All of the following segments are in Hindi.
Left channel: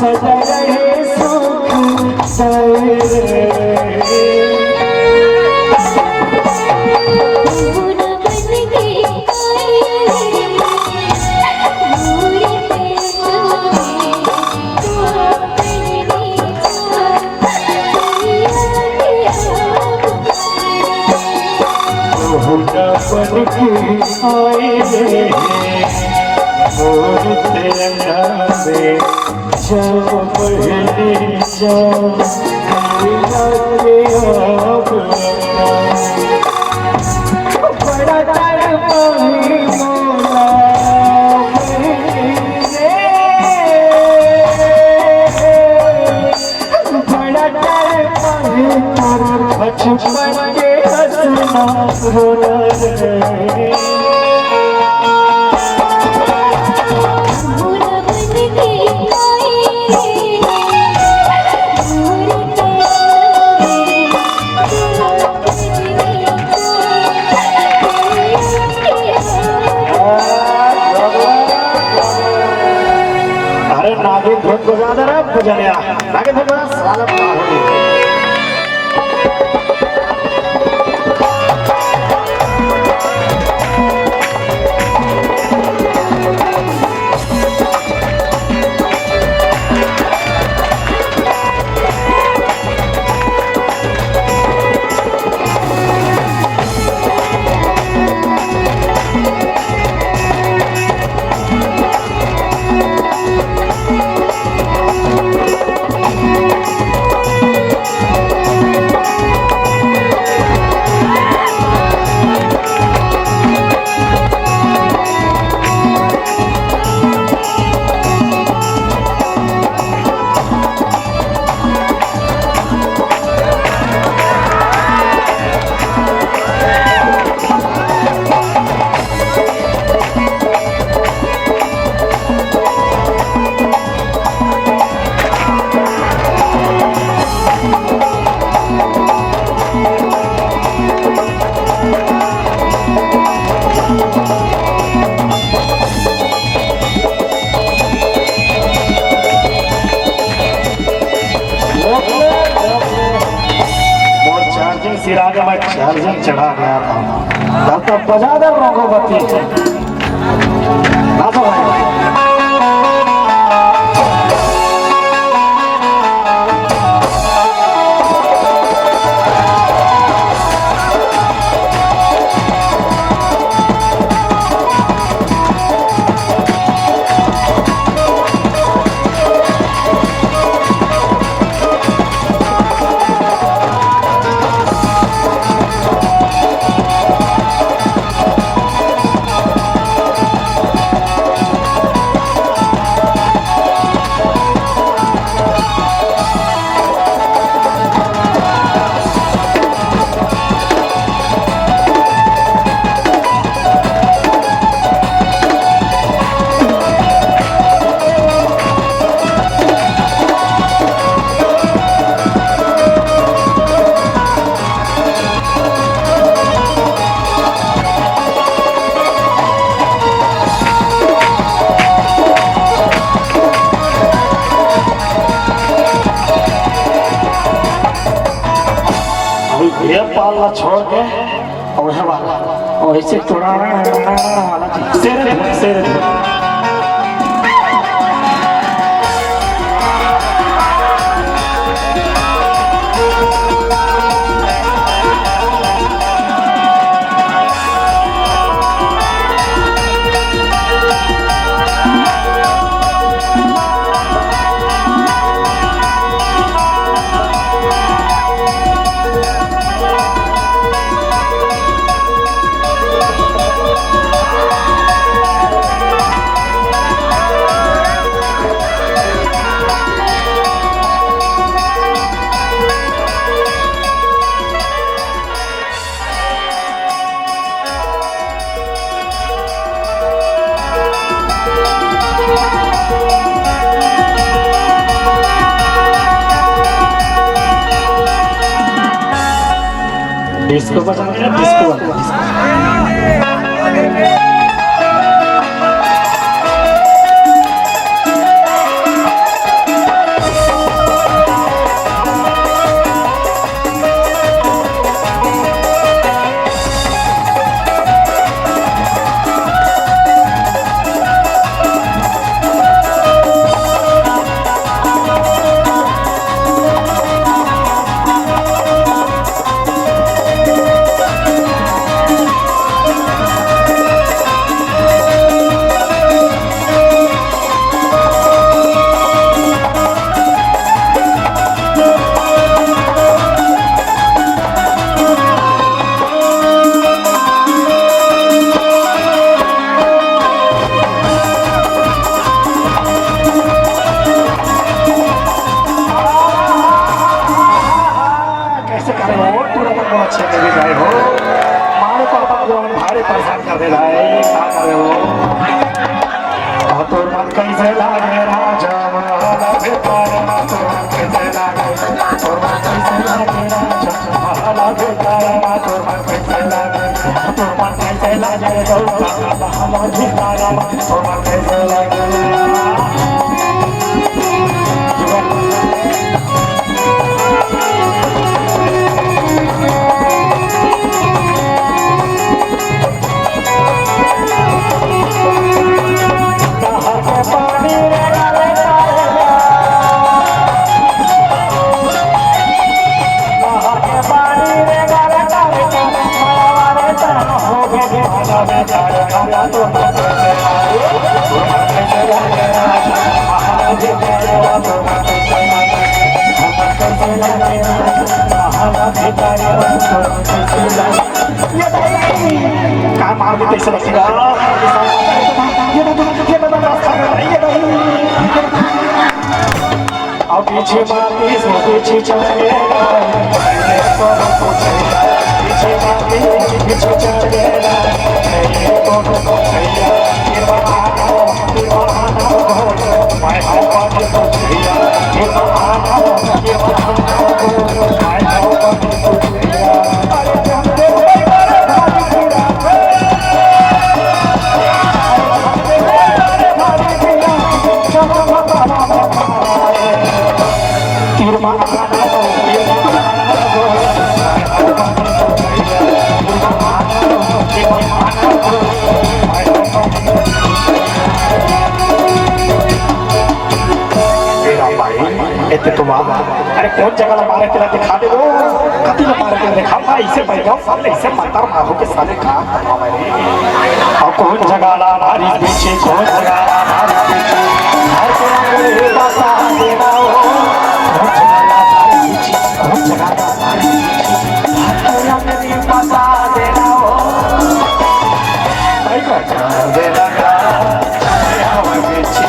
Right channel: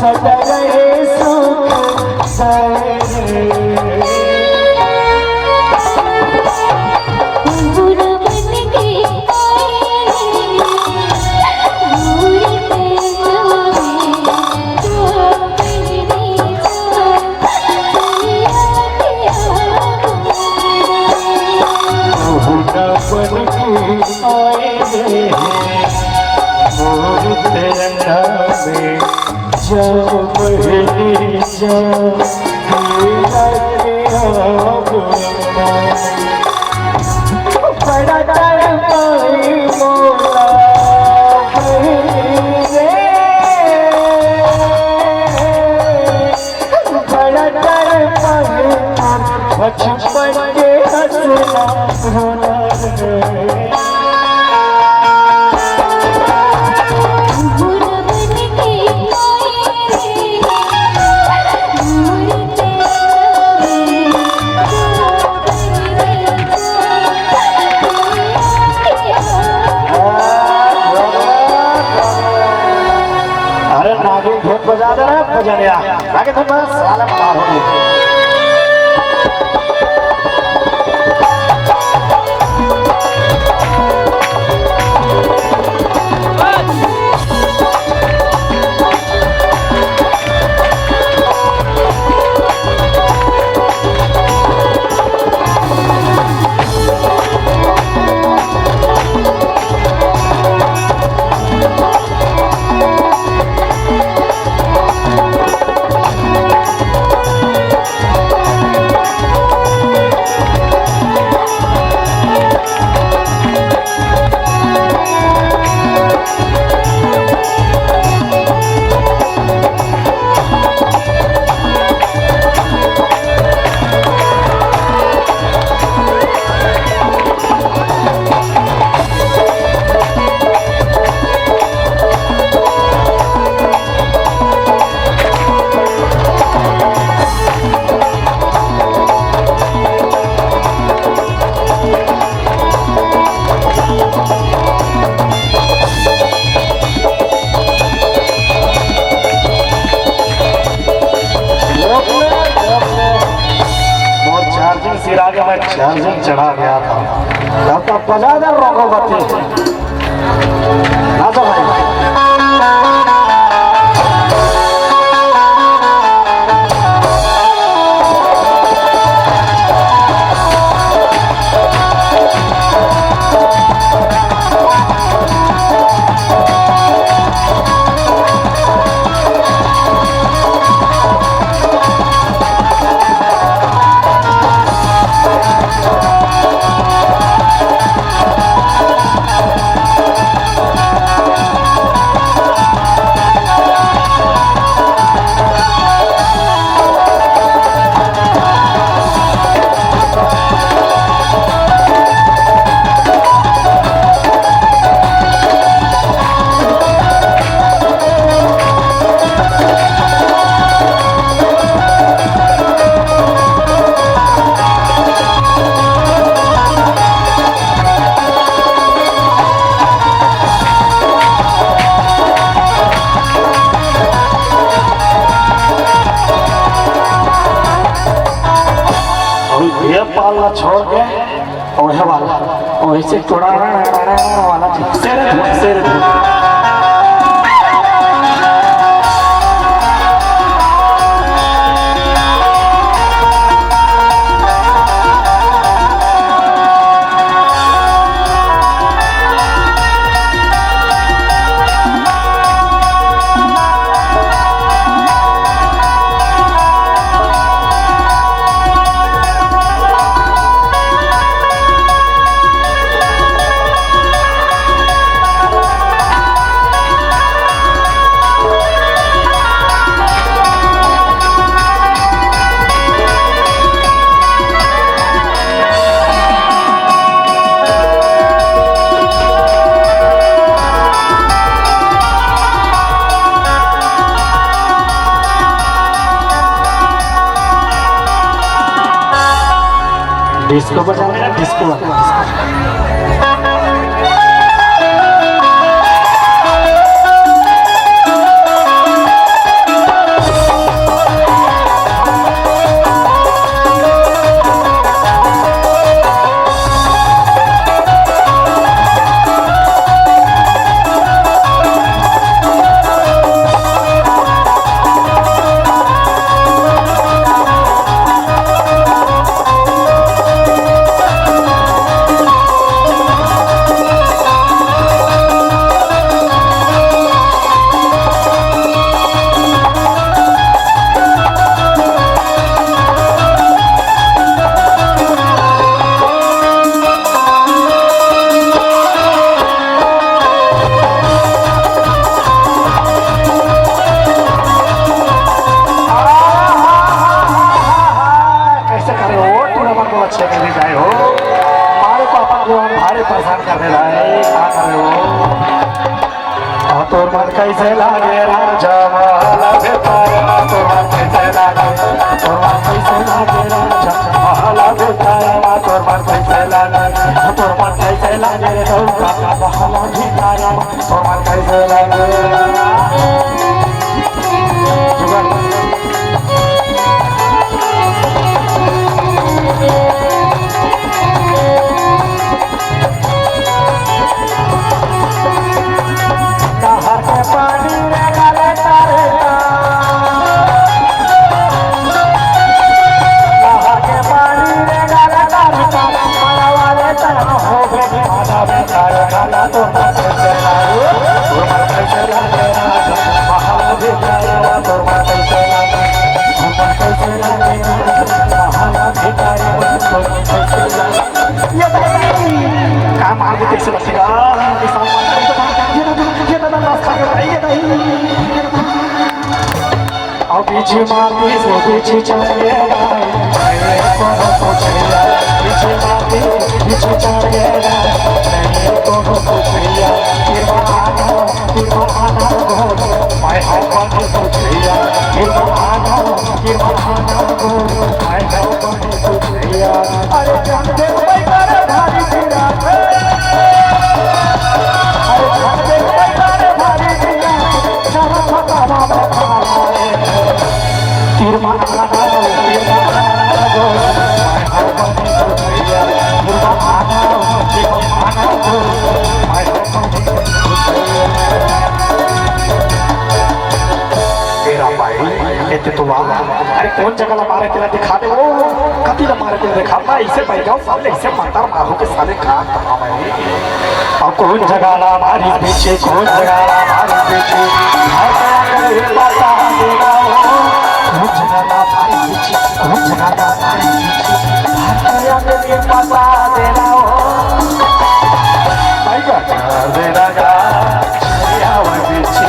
सदा रहे सुख बजा दो ना बजाया आगे तो बस साला पार हो गया। चार्जिंग चढ़ा गया था तो बजा दे रोगोबती ना तो भाई ये पालना छोड़ के वह वाला और इसे थोड़ा वाला शेर डिस्को बजाना है, डिस्को अरे कौन जगह मारे तेरा दिखा दे वो कति मारे तेरा दिखा मारे इसे बैठ जाओ साले इसे मारता मारो के साले कहाँ करवा मैं और कौन जगह ना मारी पीछे कौन जगह ना मारी पीछे हर जगह बता देना कौन जगह ना मारी पीछे कौन जगह ना मारी पीछे हर जगह बता देना भाई का देना का आवा पीछे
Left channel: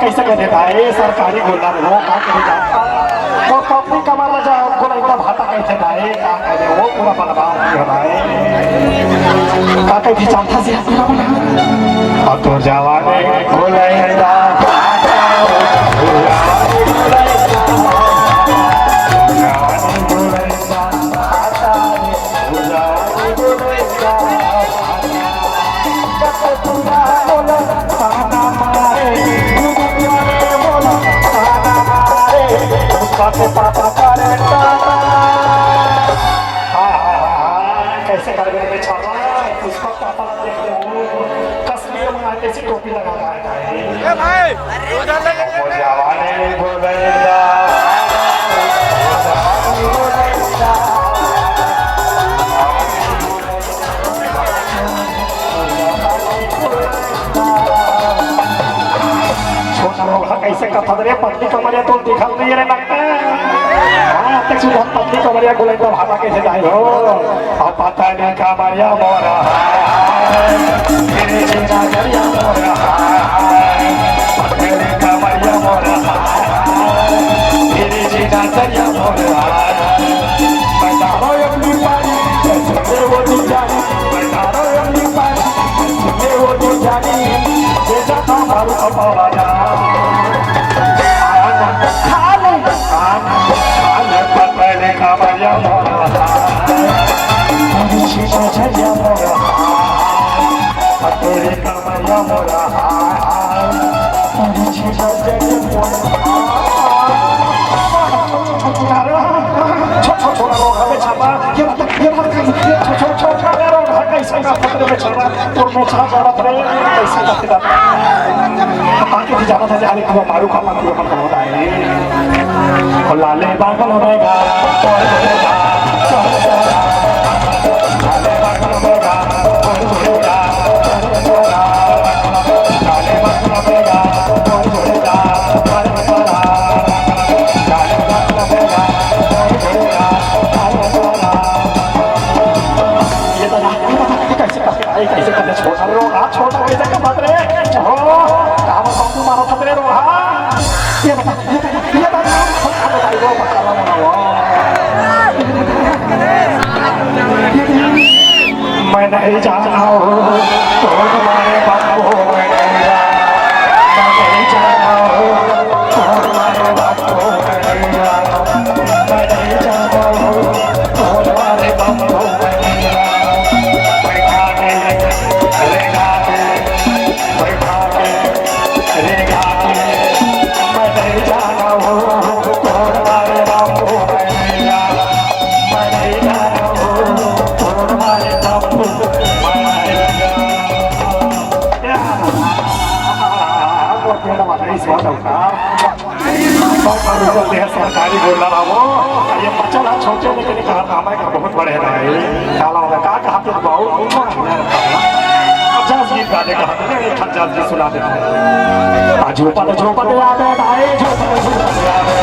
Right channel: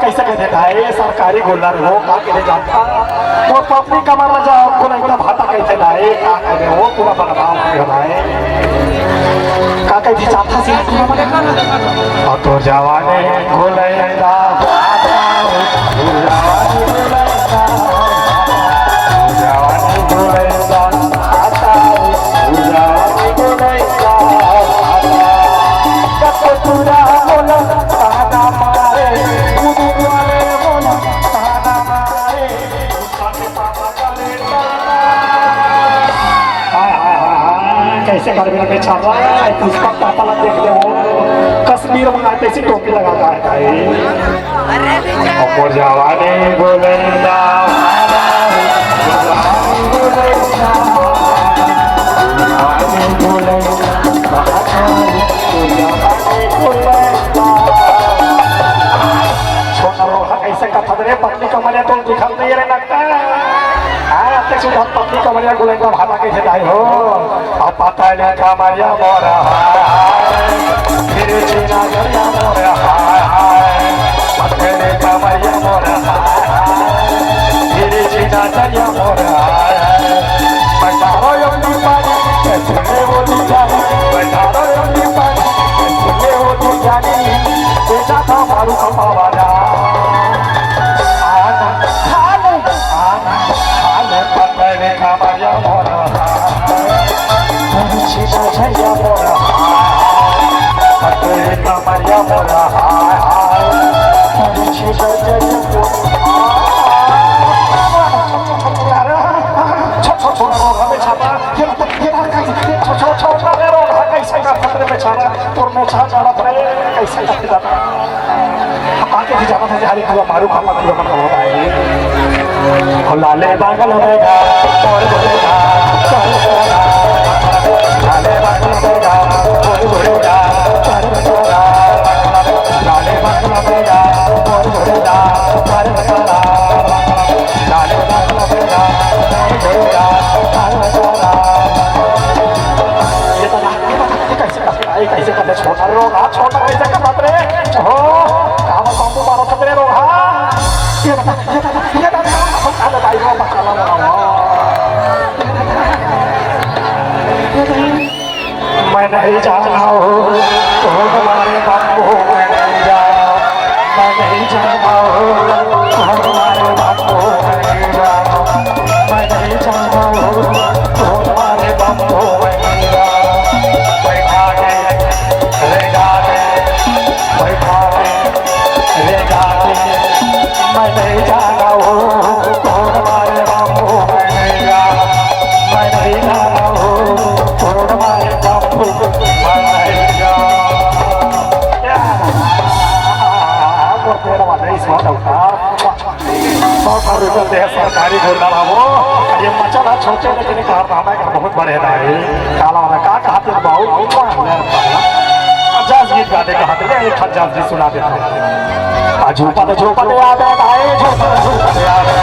कैसे कह देता है ये सरकारी गुल्ला हो का कहे जाता वो पब्लिक का मामला जा को नहीं भाता कैसे ना है का कहे वो पूरा बलवान हो रहा है का कहे चाहता से और तो जवाने बोलेगा कैसे करके छापा है उसका पापा लग देखते हो कश्मीर में आते ऐसी टोपी लगाता है और जवाने बोलेगा कैसे कथा रे पत्नी कमरिया तुम दिखल नहीं रे लगता हां तक सुधा पत्नी कमरिया गोले को भागा कैसे जाई हो अब पता नहीं कमरिया मोरा तेरे जीना जरिया मोरा पत्नी कमरिया मोरा तेरे जीना जरिया मोरा बता रो अपनी पानी कैसे वो दी जानी बता रो अपनी पानी कैसे वो दी जानी जेना मारू अपवादा लाले बागल में गा और गा लाले बागल में गा और गा लाले बागल में गा और गा लाले बागल में गा ये कैसे करते छोटा रोगा छोटा कैसे कर बात रे हो काम बाबू मारो पत्रे रोहा ये बता मैं नहीं जाना हो तो हमारे बापू मैं नहीं जाना हो तो हमारे बापू मैं नहीं जाना मैं नहीं जाना हो तो हमारे बापू मैं नहीं जाना बैठा के ले जाने बैठा के ले जाने मैं नहीं जाना हो तो हमारे बापू मैं नहीं जाना मैं नहीं जाना हो तो हमारे बापू सरकारी गुरला वो ये मचला छोटे लेकिन कारनामा का बहुत बड़े है काला होगा का कहते हैं बहुत अच्छा गीत गाने का हाथ में एक हजार जी सुना देता है आज ऊपर झोपड़ आवे भाई झोपड़ आवे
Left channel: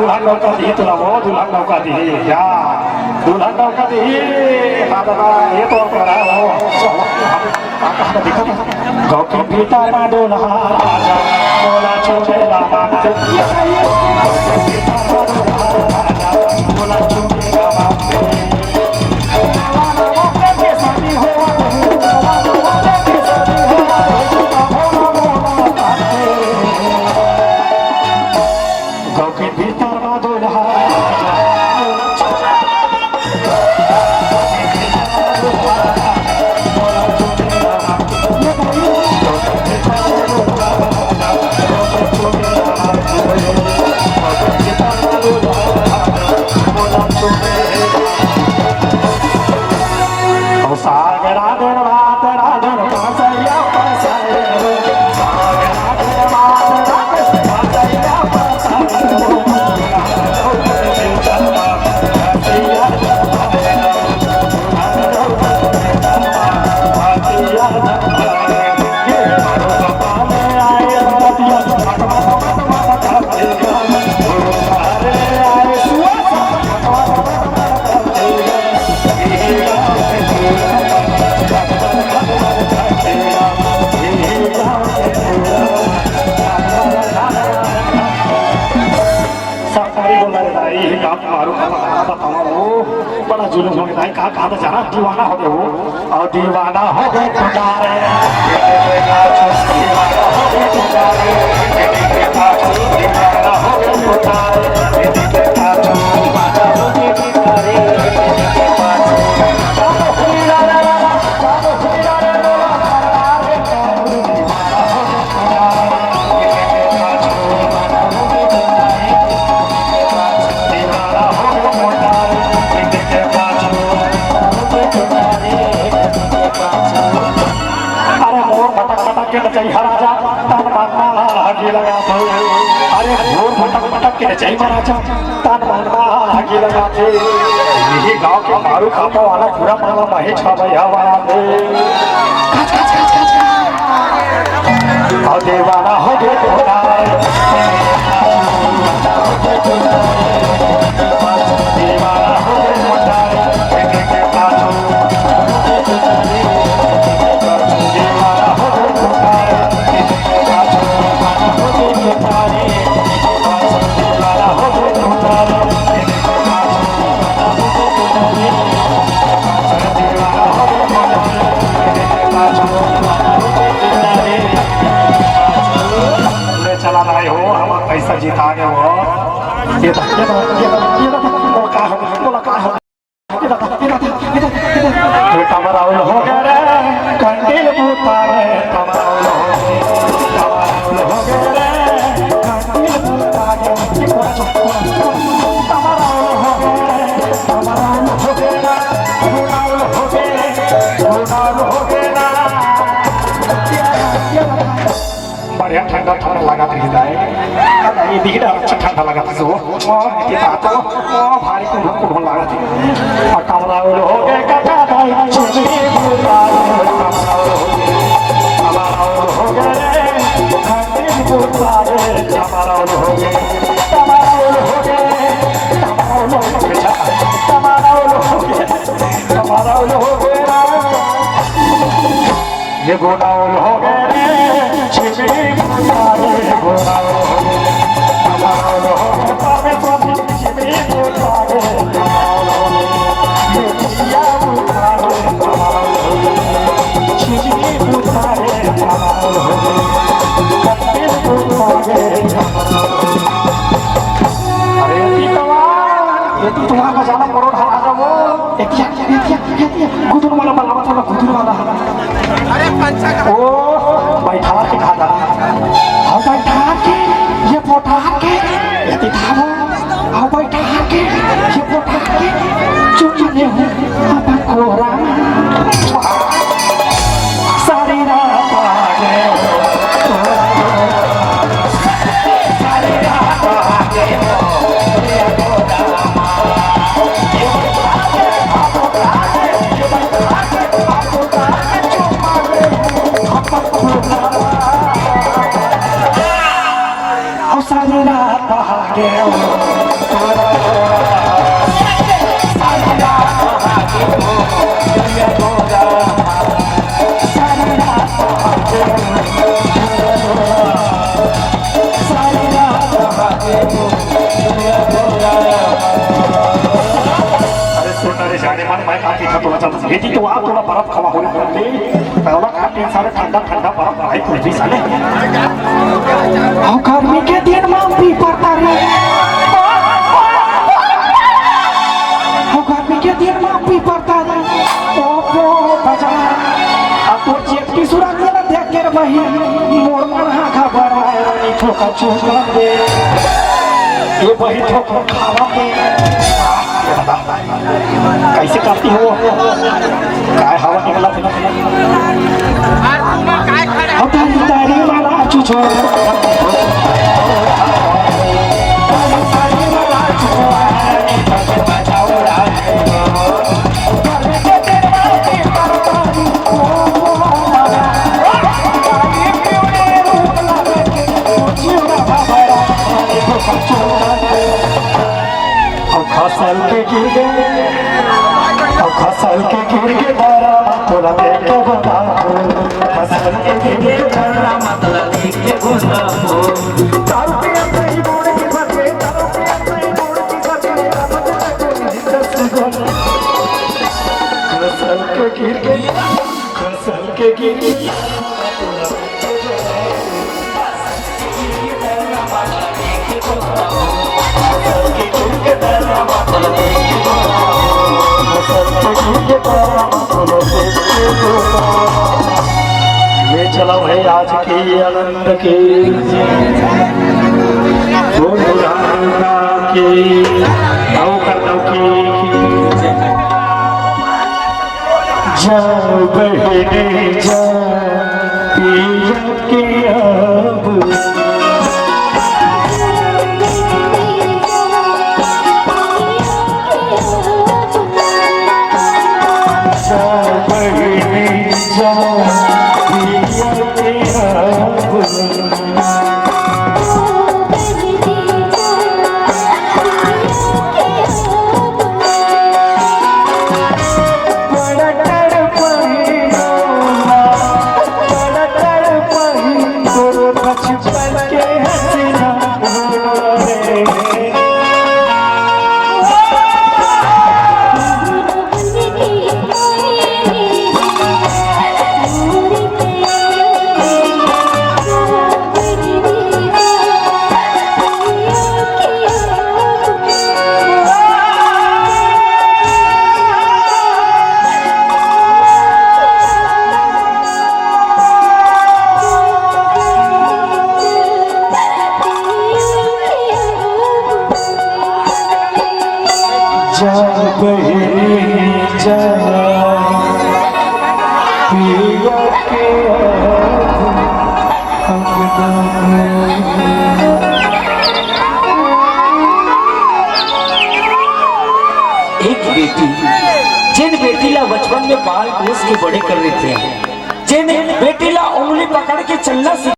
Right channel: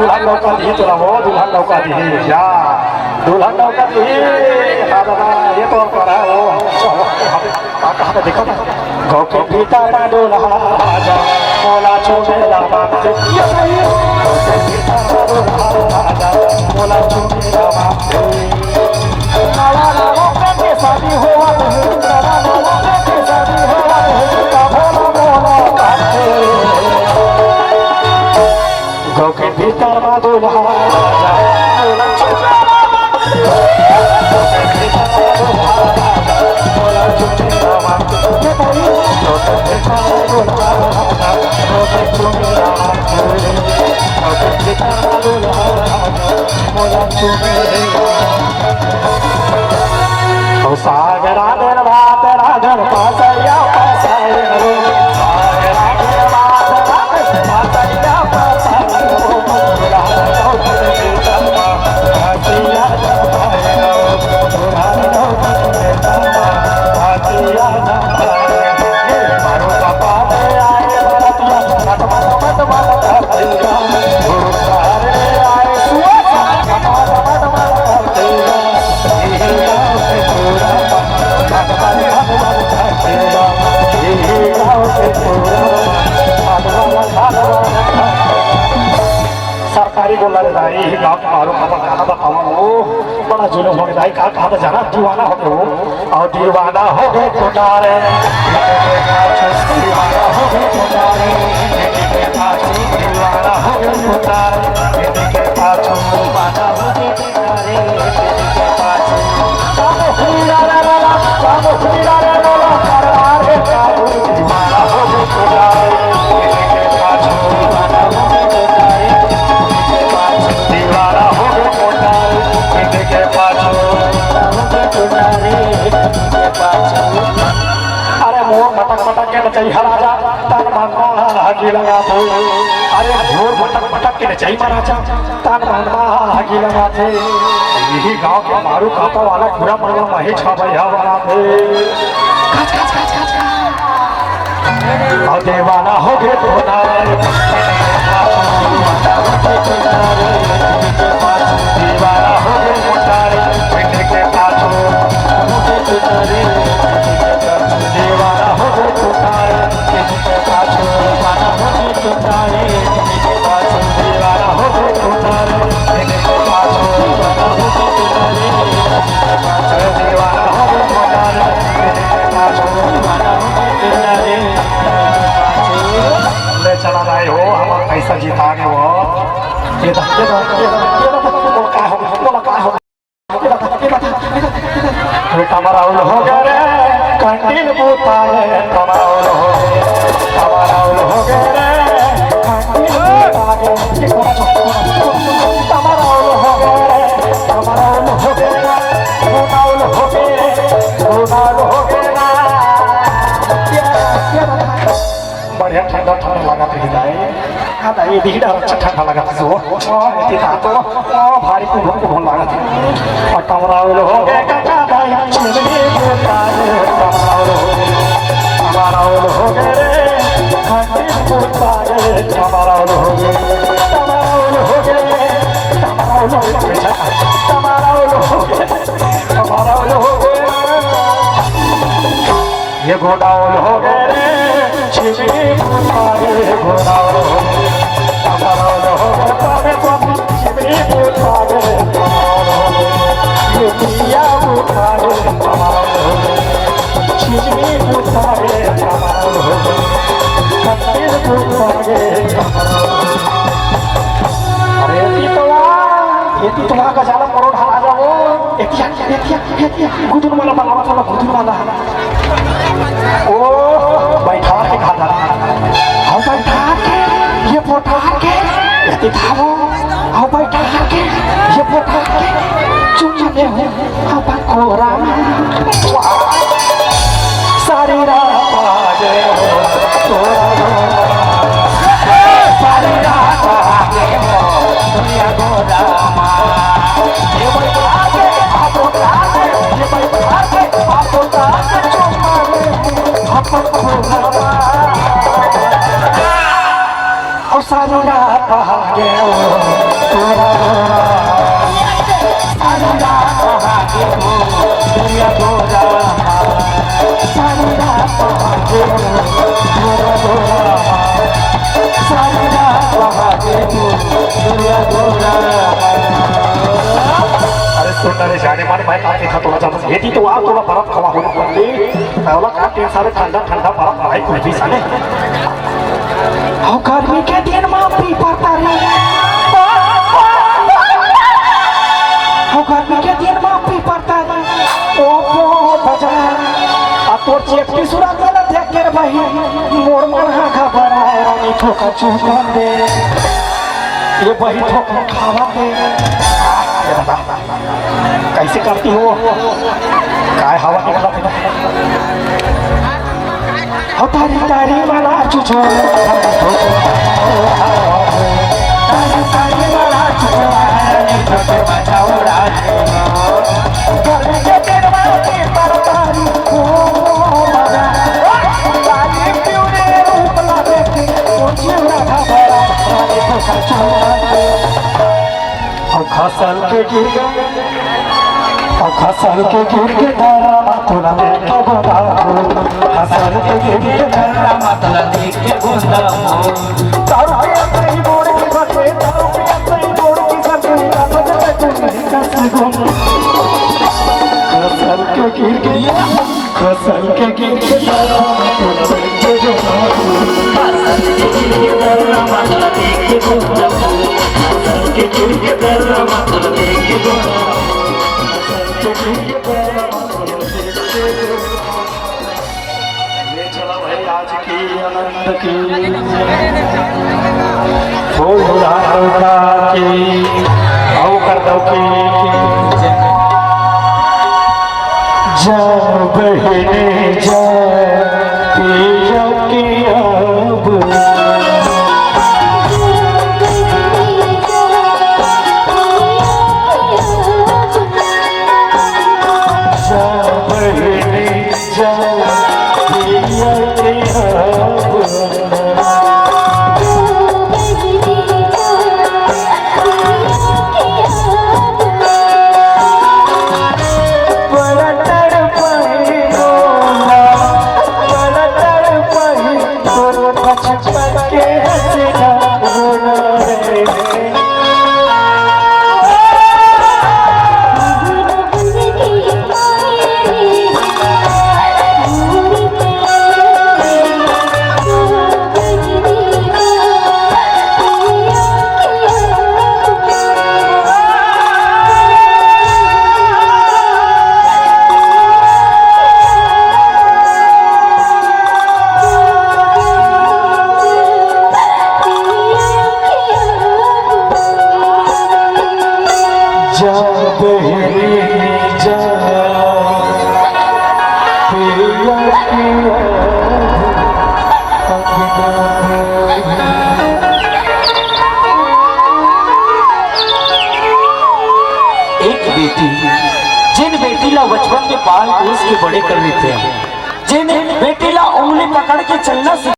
दुल्हन लौका दी तुला वो दुल्हन लौका दी क्या दुल्हन लौका दी दादा ये तो करा वो कहाँ देखो गाँव के भीतर ना दुल्हा राजा मोला छोटे लामा ये सही है मोला छोटे लामा शादी हो गाँव के भीतर ना दुल्हा मोला छोटे का कहा जाना दीवाना हो गए हो और दीवाना हो गए पुकारे दीवाना हो गए पुकारे दीवाना हो गए पुकारे के पाछू बाजा बजे पुकारे के पाछू ला ला ला ला ला ला ला करवारे दीवाना हो गए पुकारे के पाछू बाजा बजे पुकारे दीवाना हो गए पुकारे के पाछू अरे मोर मटक मटक के नचाई हराजा तान मानवा हाकी लगा अरे मोर मटक मटक के नचाई महाराजा तान मानवा हाकी लगा थे यही गांव के मारू खाता वाला पूरा मारा महेश का भैया वाला थे और दीवाना हो गए दीवाना हो गए मोटारे के पाछू पैसा जीता गए वो ये तो का हो कमराउल हो गए कंटिल बुतारे कमराउल हो गए कंटिल बुतारे बढ़िया ठंडा ठंडा लगा था नहीं भीड़ अच्छा ठंडा लगा था वो इतनी बात तो भारी को भूख लगा थी और कमराउल हो गए काका भाई चुनी कमराउल हो गए कंटिल बुतारे कमराउल हो गए कमराउल हो गए कमराउल हो गए ये गोडाउन हो गए छिमी बुतारे गोडाउन हो गए छिमी बुतारे ये बुतारे छिमी बुतारे कंटिल बुतारे अरे ये तुम्हारा का ज्यादा परोठ आ जाओ देखिए कुतुर वाला बनावा थोड़ा कुतुर वाला ओ बैठा के खाता हम बैठा के ये पोठा के ये थामो हम बैठा के ये पोठा के चुप ले अपन कोरा सारे रात आगे तोरा सारे रात आगे दुनिया गोदा यदि तो आप थोड़ा बर्फ खवा होना पड़े सारे ठंडा ठंडा बर्फ भाई कुछ भी साले गर्मी के दिन में भी पड़ता है गर्मी के दिन में भी पड़ता है तो चेक की सुरत में देख के भाई मोर मन खबर है रानी ठोका चुका दे ये बड़ी ठोका खावा के कैसे करती हो काय हवा निकला होता तारी वाला चुचो खसल के गिर गए और खसल के गिर के तारा तोला लेके बता खसल के गिर के तारा मतला लेके बोला तारू के अंदर बोड़ के फटे तारू के अंदर बोड़ के फटे अब तक नहीं कर सकूं सबके गिनके ले चला भाई आज की अनंत की वो बुढ़ा की आओ कर दो की जा बहने जा पिया की अब जा बहने जा पिया के एक बेटी जिन बेटी ला बचपन में पाल पोस के बड़े कर देते हैं, जिन बेटी ला उंगली पकड़ के चलना